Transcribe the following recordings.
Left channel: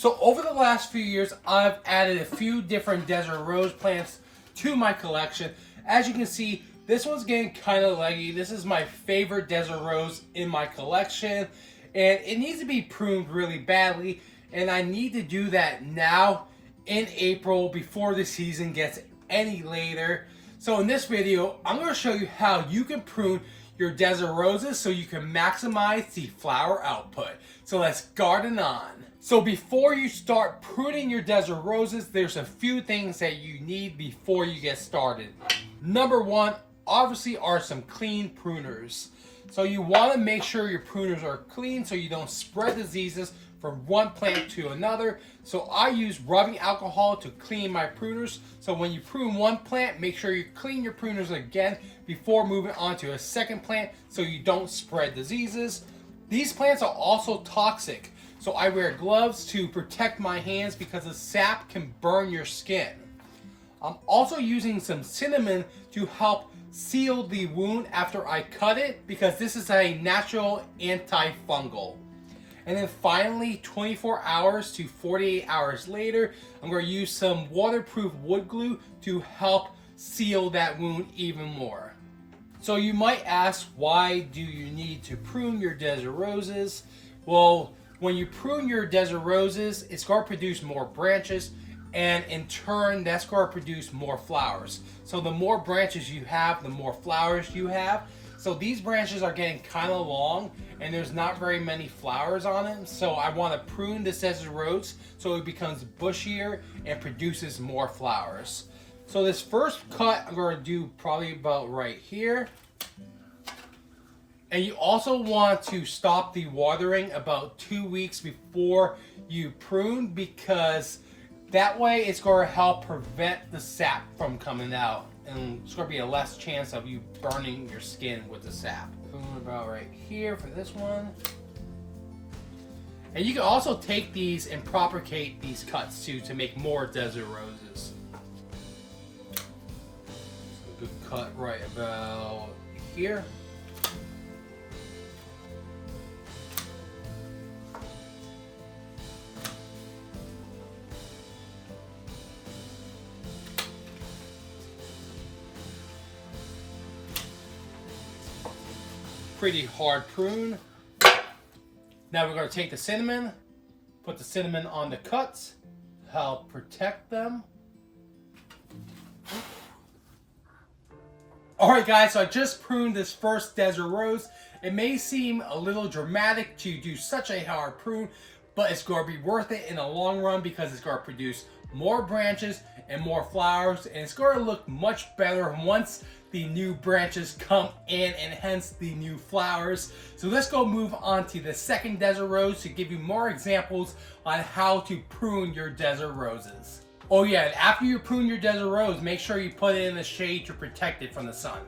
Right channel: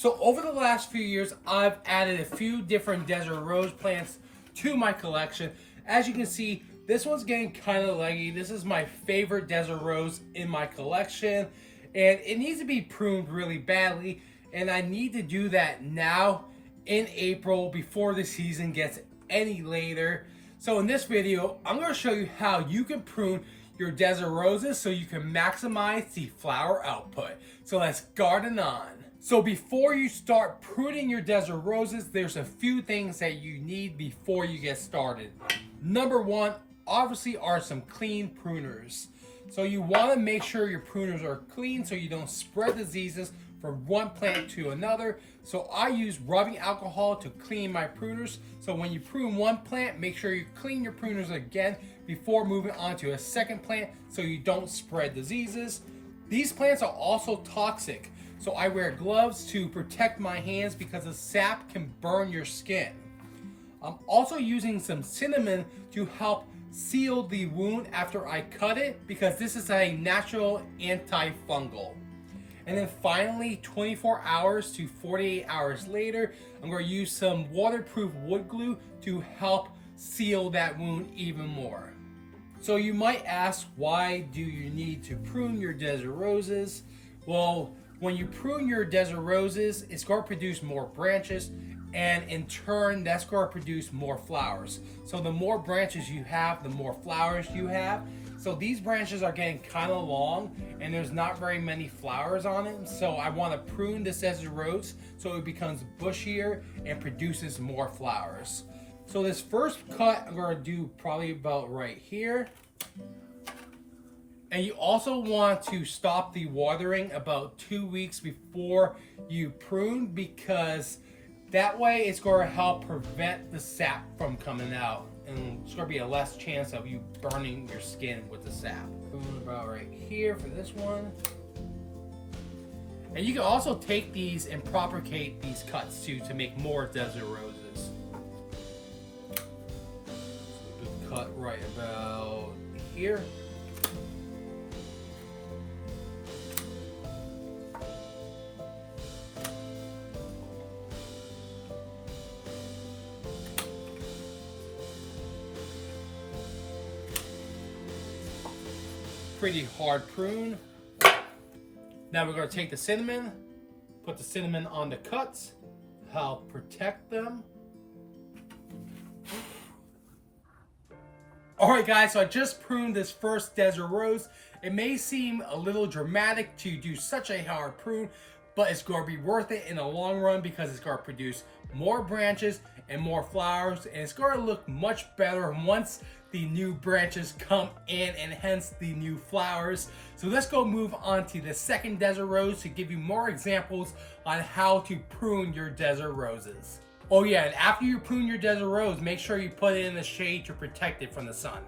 So over the last few years, I've added a few different desert rose plants to my collection. As you can see, this one's getting kind of leggy. This is my favorite desert rose in my collection, and it needs to be pruned really badly, and I need to do that now in April before the season gets any later. So in this video, I'm going to show you how you can prune your desert roses so you can maximize the flower output. So let's garden on. So before you start pruning your desert roses, there's a few things that you need before you get started. Number one, obviously, are some clean pruners. So you want to make sure your pruners are clean so you don't spread diseases from one plant to another. So I use rubbing alcohol to clean my pruners. So when you prune one plant, make sure you clean your pruners again before moving on to a second plant so you don't spread diseases. These plants are also toxic. So I wear gloves to protect my hands because the sap can burn your skin. I'm also using some cinnamon to help seal the wound after I cut it because this is a natural antifungal. And then finally, 24 hours to 48 hours later, I'm going to use some waterproof wood glue to help seal that wound even more. So you might ask, why do you need to prune your desert roses? Well, when you prune your desert roses, it's going to produce more branches, and in turn, that's going to produce more flowers. So the more branches you have, the more flowers you have. So these branches are getting kind of long, and there's not very many flowers on them. So I want to prune this desert rose so it becomes bushier and produces more flowers. So this first cut, I'm going to do probably about right here. And you also want to stop the watering about 2 weeks before you prune, because that way it's going to help prevent the sap from coming out. And it's going to be a less chance of you burning your skin with the sap. Prune about right here for this one. And you can also take these and propagate these cuts too to make more desert roses. So a good cut right about here. Pretty hard prune. Now we're going to take the cinnamon, put the cinnamon on the cuts to help protect them. Alright guys, so I just pruned this first desert rose. It may seem a little dramatic to do such a hard prune, but it's going to be worth it in the long run because it's going to produce more branches and more flowers, and it's going to look much better once the new branches come in, and hence the new flowers. So let's go move on to the second desert rose to give you more examples on how to prune your desert roses. Oh yeah, and after you prune your desert rose, make sure you put it in the shade to protect it from the sun.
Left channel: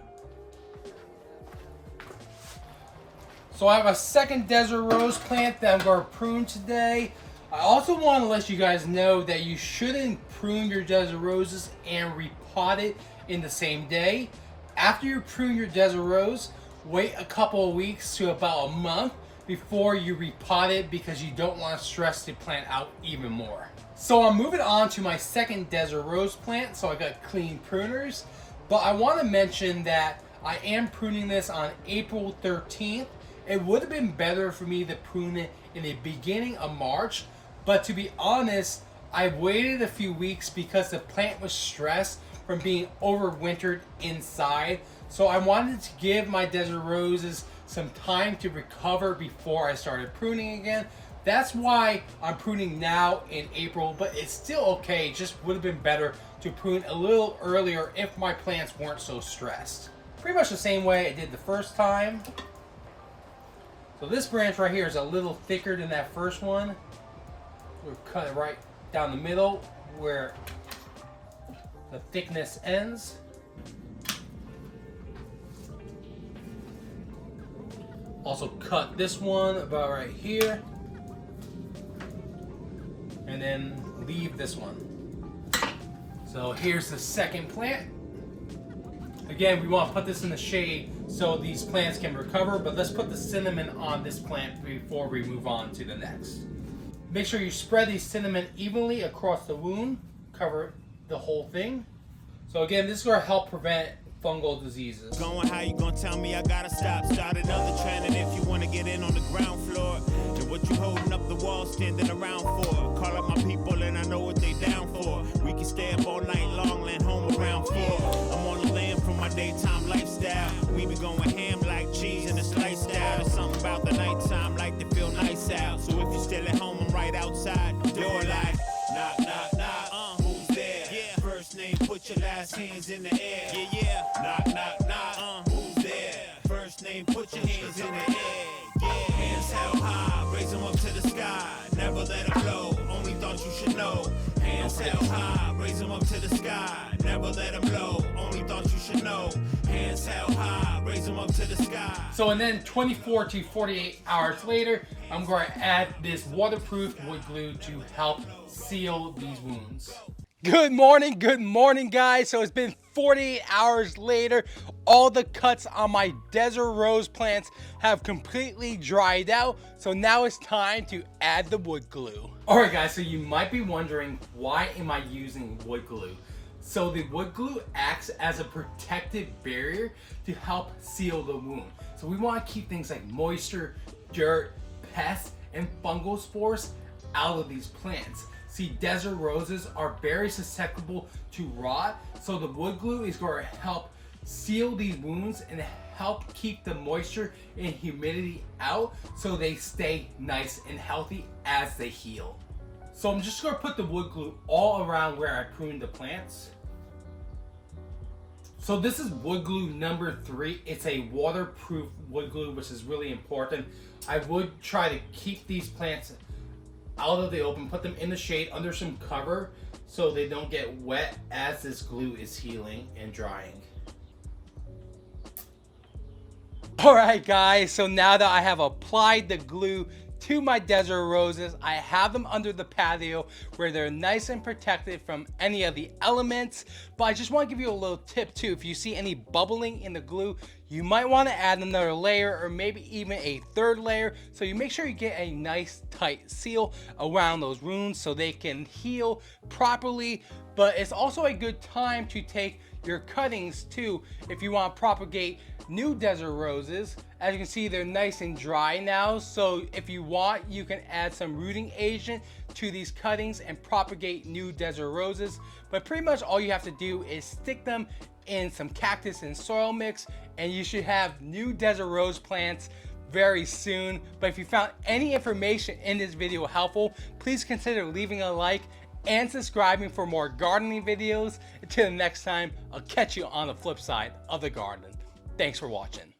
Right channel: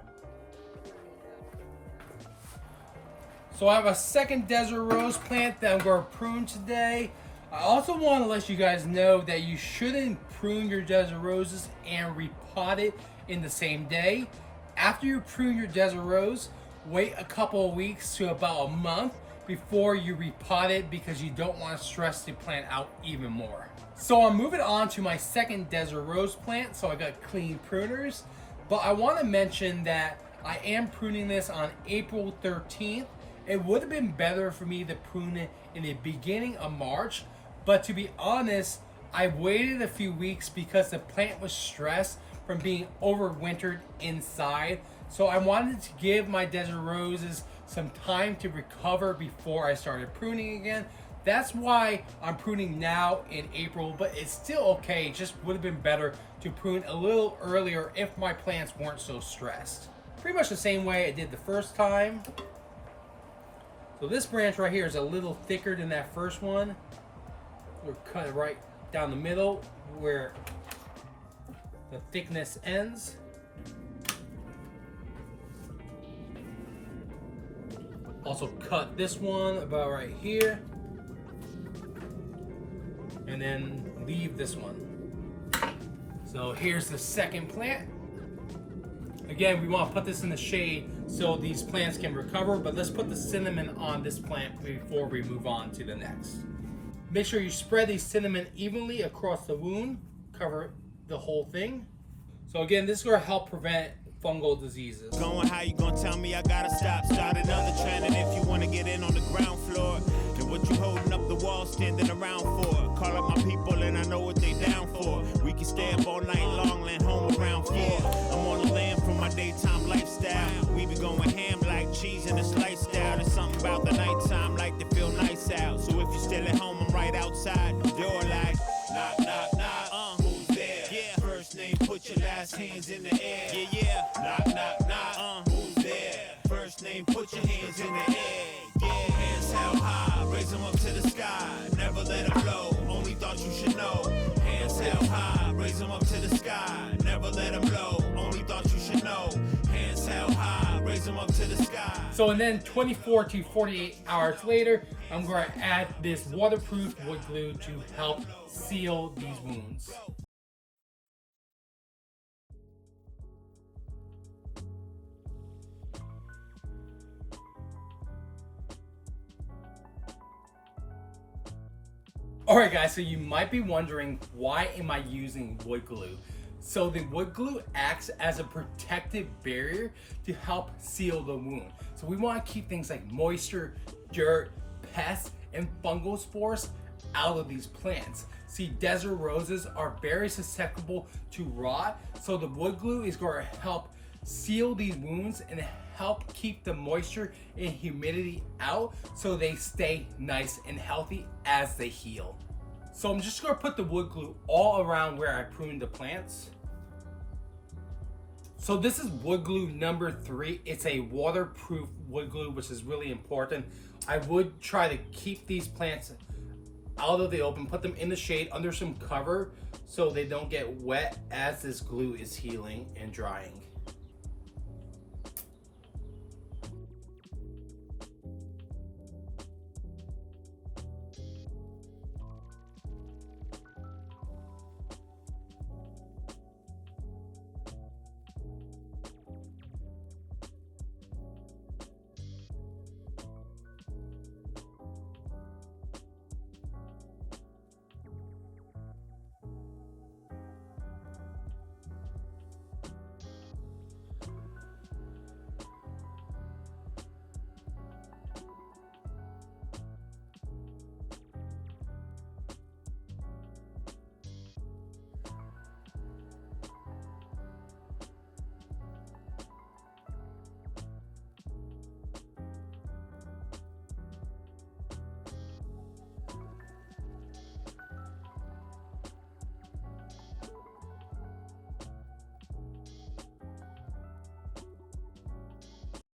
So I have a second desert rose plant that I'm going to prune today. I also want to let you guys know that you shouldn't prune your desert roses and repot it in the same day. After you prune your desert rose, wait a couple of weeks to about a month before you repot it because you don't want to stress the plant out even more. So I'm moving on to my second desert rose plant. So I got clean pruners, but I want to mention that I am pruning this on April 13th. It would have been better for me to prune it in the beginning of March, but to be honest, I waited a few weeks because the plant was stressed from being overwintered inside. So I wanted to give my desert roses some time to recover before I started pruning again. That's why I'm pruning now in April, but it's still okay. It just would have been better to prune a little earlier if my plants weren't so stressed. Pretty much the same way I did the first time. So this branch right here is a little thicker than that first one. We'll cut it right down the middle where the thickness ends. Also cut this one about right here. And then leave this one. So here's the second plant. Again, we want to put this in the shade so these plants can recover, but let's put the cinnamon on this plant before we move on to the next. Make sure you spread these cinnamon evenly across the wound. Cover the whole thing. So again, this is going to help prevent fungal diseases. Going, how you gonna tell me I gotta stop? Start another trend, and if you wanna get in on the ground floor, then what you holding up the wall standing around for? Call up my people and I know what they down for. We can stay up all night long, land home around 4. I'm on the land from my daytime lifestyle. We be going ham like cheese in a slice style. There's something about the nighttime like to feel nice out. So if you're still at home, I'm right outside the door like knock, knock, knock. Who's there? Yeah. First name, put your last hands in the air. Yeah, yeah. Knock, knock, knock. Who's there? First name, put your hands in the air. Yeah. Hands held high, raise them up to the sky. Never let them blow, only thought you should know. Hands held high, raise them up to the sky. Never let them blow, only thought you should know. Hands held high, raise them up to the sky. So and then 24 to 48 hours later, I'm going to add this waterproof wood glue to help seal these wounds. Good morning guys. So it's been 48 hours later. All the cuts on my desert rose plants have completely dried out. So now it's time to add the wood glue. Alright guys, so you might be wondering, why am I using wood glue? So the wood glue acts as a protective barrier to help seal the wound. So we want to keep things like moisture, dirt, pests, and fungal spores out of these plants. See, desert roses are very susceptible to rot, so the wood glue is going to help seal these wounds and help keep the moisture and humidity out so they stay nice and healthy as they heal. So I'm just going to put the wood glue all around where I pruned the plants. So this is wood glue number 3. It's a waterproof wood glue, which is really important. I would try to keep these plants out of the open, put them in the shade under some cover so they don't get wet as this glue is healing and drying. Alright guys, so now that I have applied the glue to my desert roses, I have them under the patio where they're nice and protected from any of the elements. But I just want to give you a little tip too. If you see any bubbling in the glue, you might want to add another layer or maybe even a third layer, so you make sure you get a nice tight seal around those wounds so they can heal properly. But it's also a good time to take your cuttings too if you want to propagate new desert roses. As you can see, they're nice and dry now, so if you want, you can add some rooting agent to these cuttings and propagate new desert roses. But pretty much all you have to do is stick them in some cactus and soil mix, and you should have new desert rose plants very soon. But if you found any information in this video helpful, please consider leaving a like and subscribing for more gardening videos. Until the next time, I'll catch you on the flip side of the garden. Thanks for watching.